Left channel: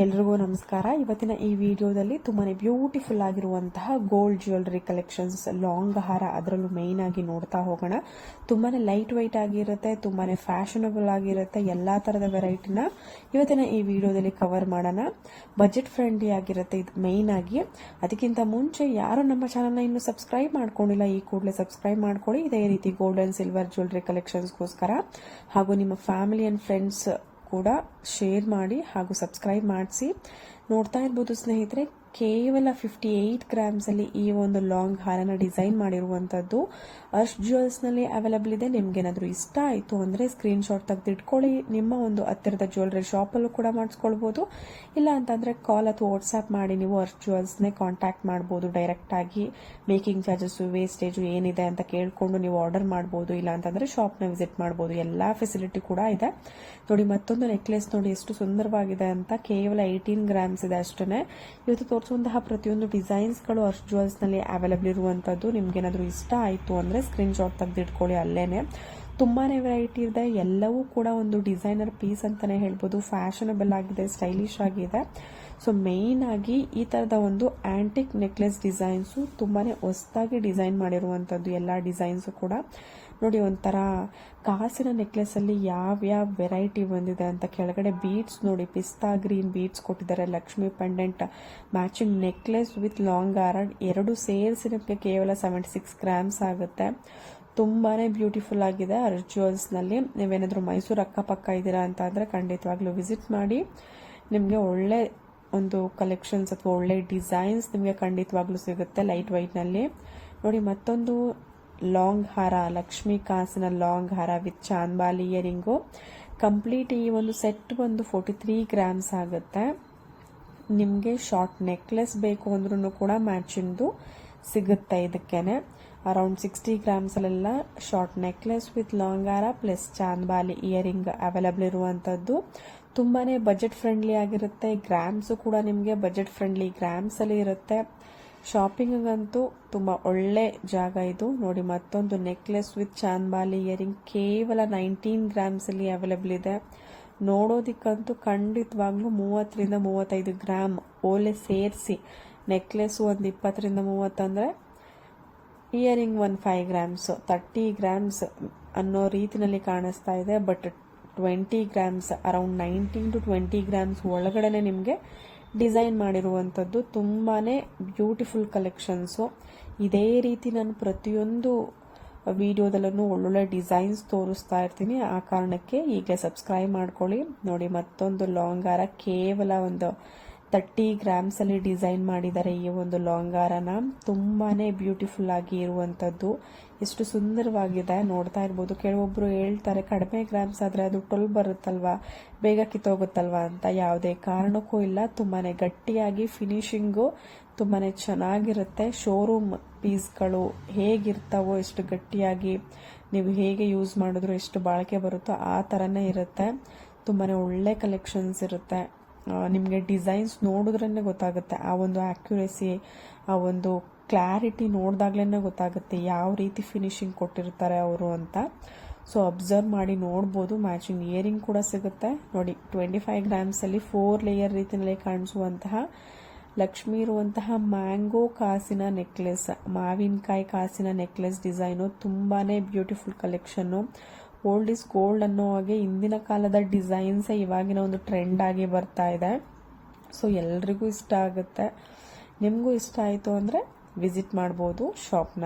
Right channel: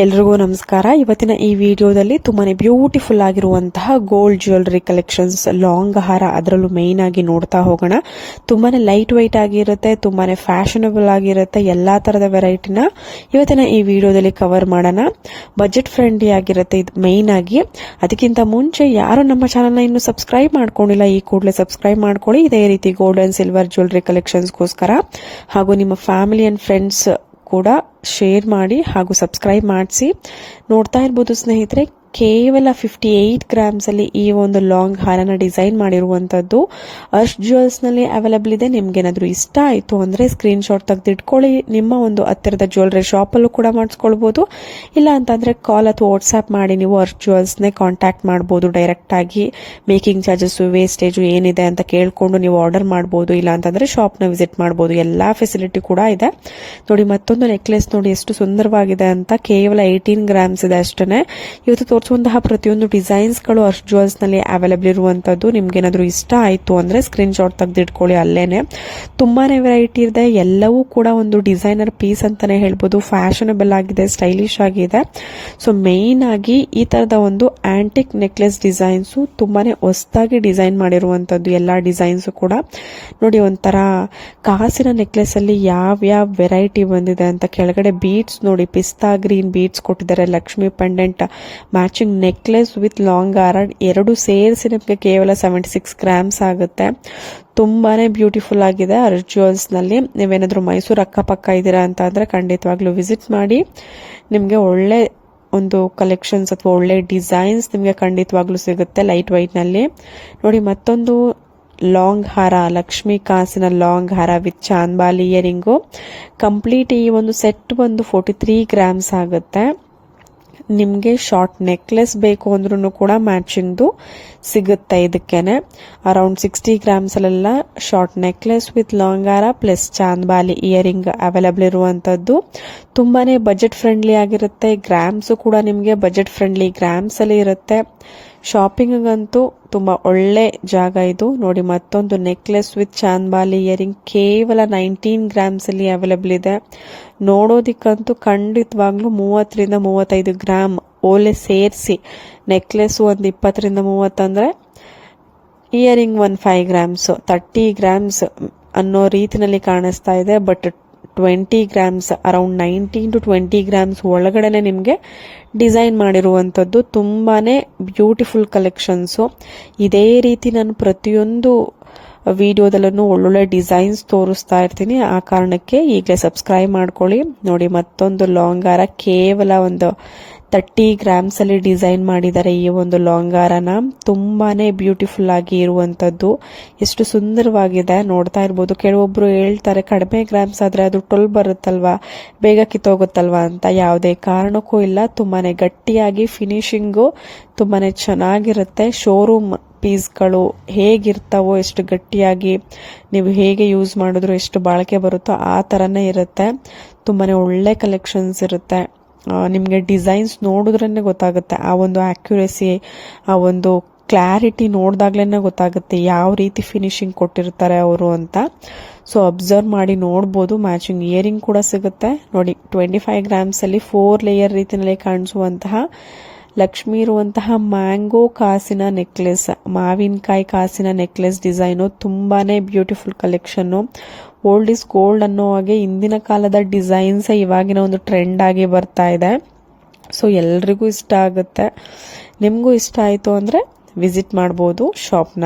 ಎಲ್ರಿಗೂ ನಮಸ್ಕಾರ. ಇವತ್ತಿನ ಈ ವಿಡಿಯೋದಲ್ಲಿ ತುಂಬಾನೇ ಬ್ಯೂಟಿಫುಲ್ ಆಗಿರುವಂತಹ ಗೋಲ್ಡ್ ಜ್ಯುವೆಲರಿ ಕಲೆಕ್ಷನ್ಸ್, ಲಾಂಗ್ ಹಾರ ಅದರಲ್ಲೂ ಮೇನ್ ಆಗಿ ನೋಡ್ತಾ ಹೋಗೋಣ. ತುಂಬಾನೇ ಲೈಟ್ ವೈಟ್ ಆಗಿರುತ್ತೆ, ತುಂಬಾನೇ ಫ್ಯಾಷನಬಲ್ ಆಗಿರುತ್ತೆ. ಎಲ್ಲಾ ತರದ ವೆರೈಟಿನ ಇವತ್ತಿನ ಈ ವಿಡಿಯೋದಲ್ಲಿ ಕವರ್ ಮಾಡೋಣ. ಬಜೆಟ್ ಫ್ರೆಂಡ್ಲಿ ಆಗಿರುತ್ತೆ ಇದು ಮೇನ್ ಆಗಿ. ಅದಕ್ಕಿಂತ ಮುಂಚೆ ಯಾರು ನಮ್ಮ ಚಾನಲ್ನ ಇನ್ನು ಸಬ್ಸ್ಕ್ರೈಬ್ ಮಾಡ್ಕೊಂಡಿಲ್ಲ, ಈ ಕೂಡಲೇ ಸಬ್ಸ್ಕ್ರೈಬ್ ಮಾಡ್ಕೊಳ್ಳಿ. ಇದೇ ರೀತಿ ಗೋಲ್ಡ್ ಅಂಡ್ ಸಿಲ್ವರ್ ಜ್ಯುವೆಲರಿ ಕಲೆಕ್ಷನ್ಸ್ಗೋಸ್ಕರ ಹಾಗೂ ನಿಮ್ಮ ಫ್ಯಾಮಿಲಿ ಅಂಡ್ ಫ್ರೆಂಡ್ಸ್ ಕೂಡ ಶೇರ್ ಮಾಡಿ ಹಾಗೂ ಸಬ್ಸ್ಕ್ರೈಬ್ ಮಾಡಿಸಿ. ನೋಡ್ತಾ ಇರ್ಬೋದು ಸ್ನೇಹಿತರೆ, ಕೇವಲ 58 ಗ್ರಾಮ್ಸ್ ಅಲ್ಲಿ ಈ ಒಂದು ಲಾಂಗ್ ಹಾರನ ಡಿಸೈನ್ ಮಾಡಿರುವಂತದ್ದು ಅರ್ಶ್ ಜ್ಯುವೆಲ್ಸ್ ನಲ್ಲಿ ಅವೈಲಬಲ್ ಇದೆ. ನಿಮ್ಗೆ ಏನಾದ್ರು ಇಷ್ಟ ಆಯ್ತು ಅಂದ್ರೆ ಸ್ಕ್ರೀನ್ ಶಾಟ್ ತೆಗೆದಿಟ್ಕೊಳ್ಳಿ. ನಿಮ್ಮ ಒಂದು ಹತ್ತಿರದ ಜ್ಯುವೆಲರಿ ಶಾಪ್ ಅಲ್ಲೂ ಕೂಡ ಮಾಡಿಸ್ಕೊಳ್ಬಹುದು. ಇಲ್ಲ ಅಂತಂದ್ರೆ ಕಾಲ್ ಅಥವಾ ವಾಟ್ಸ್ಆಪ್ ಮಾಡಿ ನೀವು ಅರ್ಶ್ ಜ್ಯುವೆಲ್ಸ್ ನೇ ಕಾಂಟ್ಯಾಕ್ಟ್ ಮಾಡಬಹುದು. ಡೈರೆಕ್ಟ್ ಆಗಿ ಮೇಕಿಂಗ್ ಚಾರ್ಜಸ್, ವೇಸ್ಟೇಜ್ ಏನಿದೆ ಅಂತ ಕೇಳ್ಕೊಂಡು ನೀವು ಆರ್ಡರ್ ಮಾಡಬಹುದು. ಇಲ್ಲ ಅಂತಂದ್ರೆ ಶಾಪ್ ನ ವಿಸಿಟ್ ಮಾಡಬಹುದು. ಎಲ್ಲಾ ಫೆಸಿಲಿಟಿ ಕೂಡ ಇದೆ. ನೋಡಿ, ಮತ್ತೊಂದು ನೆಕ್ಲೆಸ್ ನೋಡಿ ಎಷ್ಟು ಸುಂದರವಾಗಿದೆ ಅಂತ. ಕೇವಲ 18 ಗ್ರಾಮ್ಸ್ ಇದೆ ಅಷ್ಟೇ. ಇವತ್ತು ತೋರಿಸುವಂತಹ ಪ್ರತಿಯೊಂದು ಡಿಸೈನ್ಸ್ ಗಳು ಅರ್ಶ್ ಜ್ಯುವೆಲ್ಸ್ ನಲ್ಲಿ ಅವೈಲಬಲ್ ಇರುವಂತದ್ದು. ನಿಮ್ಗೆ ಏನಾದ್ರು ಇಷ್ಟ ಆಯ್ತು ಅಂದ್ರೆ ಸ್ಕ್ರೀನ್ ಶಾಟ್ ತೆಗೆದಿಟ್ಕೊಳ್ಳಿ. ಅಲ್ಲೇನೆ ತುಂಬಾನೇ ವೆರೈಟಿ ಇದೆ. ಎಲ್ಲವೂ ಕೂಡ ಒಂದು ಡಿಸೈನರ್ ಪೀಸ್ ಅಂತಾನೆ ಹೇಳ್ಬೋದು. ಫ್ಯಾಷನಬಲ್ ಆಗಿದೆ, ಸ್ಟೈಲಿಶ್ ಆಗಿದೆ. ಸೊ ಮೇನ್ ಆಗಿ ಈ ತರದ ಒಂದು ಆಂಟಿಕ್ ನೆಕ್ಲೆಸ್ ಡಿಸೈನ್ಸ್ ತುಂಬಾನೇ ಹೊಸದಾಗಿ ಡಿಸೈನ್ ಮಾಡಿರುವಂತದ್ದು. ಎಲ್ಲಾ ಡಿಸೈನ್ಸ್ ಕೂಡ ನೋಡಿ, ಒಂಥರ ಕಾಸಿನ ನೆಕ್ಲೆಸ್ ಅಲ್ಲಿ ಯಾವ ವೆರೈಟಿ ಬಂದಿದೆ ಅಂತ. ಕೆಳಗಡೆ ಬೀಡ್ಸ್ ನೋಡಿ, ಪಿಸ್ತಾ ಗ್ರೀನ್ ಬೀಡ್ಸ್ ಕೊಟ್ಟಿದ್ದಾರೆ. Lakshmi pendant, matching necklace with long ಹಾರ, ಎರಡು ಸೇರಿಸಿ ನಿಮಗೆ ಕೇವಲ 76 ಗ್ರಾಮ್ಸ್ ಆಗುತ್ತೆ. ತುಂಬಾನೇ ಬ್ಯೂಟಿಫುಲ್ ಆಗಿದೆ. ಅರ್ಶ್ ಜ್ಯುವೆಲ್ಸ್ ನಲ್ಲಿ ನೀವೇನಾದ್ರೂ ಮೈಸೂರು ಅಕ್ಕಪಕ್ಕ ಇದ್ದೀರಾ ಅಂತ ಅಂದ್ರೆ ಖಂಡಿತವಾಗ್ಲೂ ವಿಸಿಟ್ ಮಾಡಿ. ನಿಮ್ಗೆ ಒಳ್ಳೆ ಒಂದು ಕಲೆಕ್ಷನ್ಸ್ ಅಥವಾ ಒಳ್ಳೆ ಡಿಸೈನ್ಸ್ ನಿಮ್ಗೆ ಖಂಡಿತವಾಗ್ಲೂ ಸಿಗುತ್ತೆ ಲೈಟ್ ವೈಟ್ ನಲ್ಲಿ. ನೋಡಿ, ಮತ್ತೊಂದು ಲಾಂಗ್ ಹಾರ, ಲಕ್ಷ್ಮಿ ಕಾಸಿನ ಲಾಂಗ್ ಹಾರ ವಿತ್ ಚಾಂದ್ಬಾಲಿ ಇಯರಿಂಗು. ಕಂಪ್ಲೀಟ್ ಈ ಒಂದು ಸೆಟ್ ಬಂದು 43 ಗ್ರಾಮ್ಸ್ ಆಗುತ್ತೆ. ನಿಮಗೆ ಶಾರ್ಟ್ ನೆಕ್ಲೆಸ್ ಬೇಕು ಅಂದ್ರೂ ಕೂಡ ಮ್ಯಾಚಿಂಗ್ದು ಸಿಗುತ್ತೆ. ಇದಕ್ಕೇನೆ ಅರೌಂಡ್ 60 ಗ್ರಾಮ್ಸ್ ಅಲ್ಲೆಲ್ಲ ಶಾರ್ಟ್ ನೆಕ್ಲೆಸ್ ವಿತ್ ಲಾಂಗ್ ಹಾರ ಪ್ಲಸ್ ಚಾಂದ್ಬಾಲಿ ಇಯರಿಂಗ್ ಅವೈಲಬಲ್ ಇರುವಂತದ್ದು. ತುಂಬಾನೇ ಬಜೆಟ್ ಫ್ರೆಂಡ್ಲಿ ಆಗಿರುತ್ತೆ. ಗ್ರಾಮ್ಸ್ ಕೂಡ ನಿಮಗೆ ಬಜೆಟ್ ಫ್ರೆಂಡ್ಲಿ ಗ್ರಾಮ್ಸ್ ಅಲ್ಲಿ ಇರುತ್ತೆ. ಶಾಪಿಂಗ್ ಅಂತೂ ತುಂಬಾ ಒಳ್ಳೆ ಜಾಗ ಇದು. ನೋಡಿ, ಮತ್ತೊಂದು ನೆಕ್ಲೆಸ್ ವಿತ್ ಚಾಂದ್ಬಾಲಿ ಇಯರಿಂಗ್ ಕೇವಲ 19 ಗ್ರಾಮ್ಸ್ ಅಲ್ಲಿ ಅವೈಲಬಲ್ ಇದೆ. ನೋಡೋದಿಕ್ಕಂತೂ ಖಂಡಿತವಾಗ್ಲೂ 30ರಿಂದ 35 ಗ್ರಾಮ್ ಓಲೆ ಸೇರಿಸಿ ನೆಕ್ಲೆಸ್ ಒಂದು 20ರಿಂದ 30 ಅಂದ್ರೆ ಇಯರಿಂಗ್ 5 ಗ್ರಾಮ್ಸ್, 30 ಗ್ರಾಮ್ಸ್ ಅನ್ನೋ ರೀತಿನಲ್ಲಿ ಕಾಣಿಸ್ತಾ ಇದೆ. But 20 grams, around 19 to 20 grams ಒಳಗಡೆನೆ ನಿಮಗೆ ಡಿಸೈನ್ ಮಾಡಿರುವಂಥದ್ದು. ತುಂಬಾನೇ ಬ್ಯೂಟಿಫುಲ್ ಕಲೆಕ್ಷನ್ಸು. ಇದೇ ರೀತಿ ನಾನು ಪ್ರತಿಯೊಂದು ವಿಡಿಯೋದಲ್ಲೂ ಒಳ್ಳೊಳ್ಳೆ ಡಿಸೈನ್ಸ್ ತೋರಿಸ್ತಾ ಇರ್ತೀನಿ. ಆ ಕಾರಣಕ್ಕೆ ಈಗಲೇ ಸಬ್ಸ್ಕ್ರೈಬ್ ಮಾಡ್ಕೊಳ್ಳಿ. ನೋಡಿ, ಮತ್ತೊಂದು ಲಾಂಗ್ ಹಾರ ಕೇವಲ ಒಂದು 30 ಗ್ರಾಮ್ಸ್ ಅಲ್ಲಿ ಡಿಸೈನ್ ಮಾಡಿದ್ದಾರೆ. ಈ ಒಂದು ಲಾಂಗ್ ಹಾರನ ತುಂಬಾನೇ ಬ್ಯೂಟಿಫುಲ್ ಆಗಿ ಇರುವಂತದ್ದು. ಎಷ್ಟು ಸುಂದರವಾಗಿದೆ ನೋಡ್ತಾ ಇರ್ಬೋದು. ಕೆಲವೊಬ್ರು ಹೇಳ್ತಾರೆ ಕಡಿಮೆ ಗ್ರಾಮ್ಸ್ ಆದ್ರೆ ಅದು 12 ಬರುತ್ತಲ್ವಾ, ಬೇಗ ಕಿತ್ತೋಗುತ್ತಲ್ವಾ ಅಂತ. ಯಾವುದೇ ಕಾರಣಕ್ಕೂ ಇಲ್ಲ. ತುಂಬಾನೇ ಗಟ್ಟಿಯಾಗಿ ಫಿನಿಶಿಂಗು ತುಂಬಾನೇ ಚೆನ್ನಾಗಿರುತ್ತೆ. ಶೋರೂಮ್ ಪೀಸ್ಗಳು ಹೇಗಿರ್ತಾವೋ, ಎಷ್ಟು ಗಟ್ಟಿಯಾಗಿ ನೀವು ಹೇಗೆ ಯೂಸ್ ಮಾಡಿದ್ರು ಎಷ್ಟು ಬಾಳಿಕೆ ಬರುತ್ತೋ ಆ ತರನೇ ಇರುತ್ತೆ. ತುಂಬಾನೇ ಒಳ್ಳೆ ಕಲೆಕ್ಷನ್ಸ್ ಇರುತ್ತೆ. ನಿಮಗೆ ಡಿಸೈನ್ಸ್ ನೋಡಿದ್ರೇ ಗೊತ್ತಾಗುತ್ತೆ. ಆ ಒಂದು ಆಕ್ಯುರೇಸಿ, ಆ ಒಂದು ಕ್ಲಾರಿಟಿ ನೋಡಿದಾಗ್ಲೇ ಗೊತ್ತಾಗುತ್ತೆ ಯಾವ ರೀತಿ ಫಿನಿಶಿಂಗ್ ಕೊಟ್ಟಿರ್ತಾರೆ ಅವರು ಅಂತ. ಸೊ ಅಬ್ಸರ್ವ್ ಮಾಡಿ ನೋಡ್ಬೋದು. ಮ್ಯಾಚಿಂಗ್ ಇಯರಿಂಗ್ ಕೂಡ ಸಿಗುತ್ತೆ. ನೋಡಿ, 25 ಗ್ರಾಮ್ಸ್ ಅಲ್ಲಿ 4 ಲೇಯರ್ ರೀತಿಯಲ್ಲಿ ಕಾಣಿಸುವಂತಹ ಲಕ್ಷ್ಮಿ ಇರುವಂತಹ ಮ್ಯಾಂಗೋ ಕಾಸಿನ ನೆಕ್ಲೆಸ್, ಮಾವಿನಕಾಯಿ ಕಾಸಿನ ನೆಕ್ಲೆಸ್ ಡಿಸೈನು ತುಂಬಾನೇ beautiful collection. Old is gold ಅನ್ನೋ ಹಾಗೆ ಇಂದಿನ ಕಾಲದ ಡಿಸೈನ್ಸ್ ಇವಾಗಿನ ಒಂದು ಟ್ರೆಂಡ್ ಆಗಿ ಬರ್ತಾ ಇದೆ. ಸೊ ಎಲ್ರಿಗೂ ಇಷ್ಟ ಆಗುತ್ತೆ. ನಿಮಗೂ ಇಷ್ಟ ಆಯಿತು ಅಂದರೆ ವಿಸಿಟ್ ಮಾಡ್ಬೋದು ಶಾಪ್ನ.